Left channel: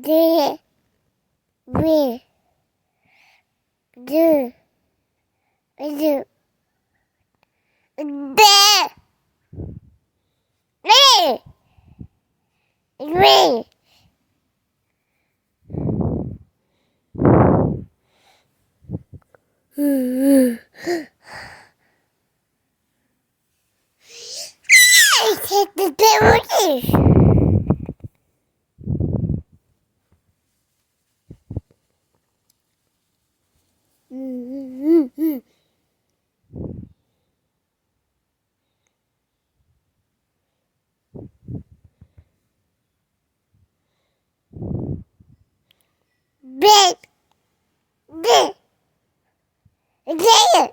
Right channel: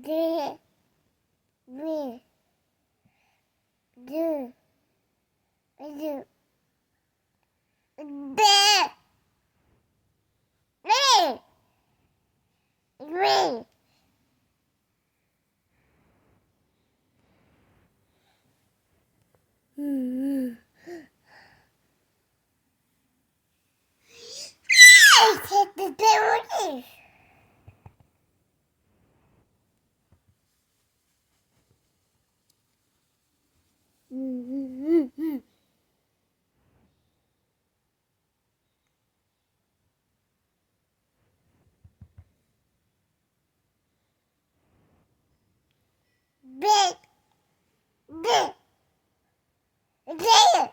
D, B, D, D, D, D, I take the penalty. Big, big, big.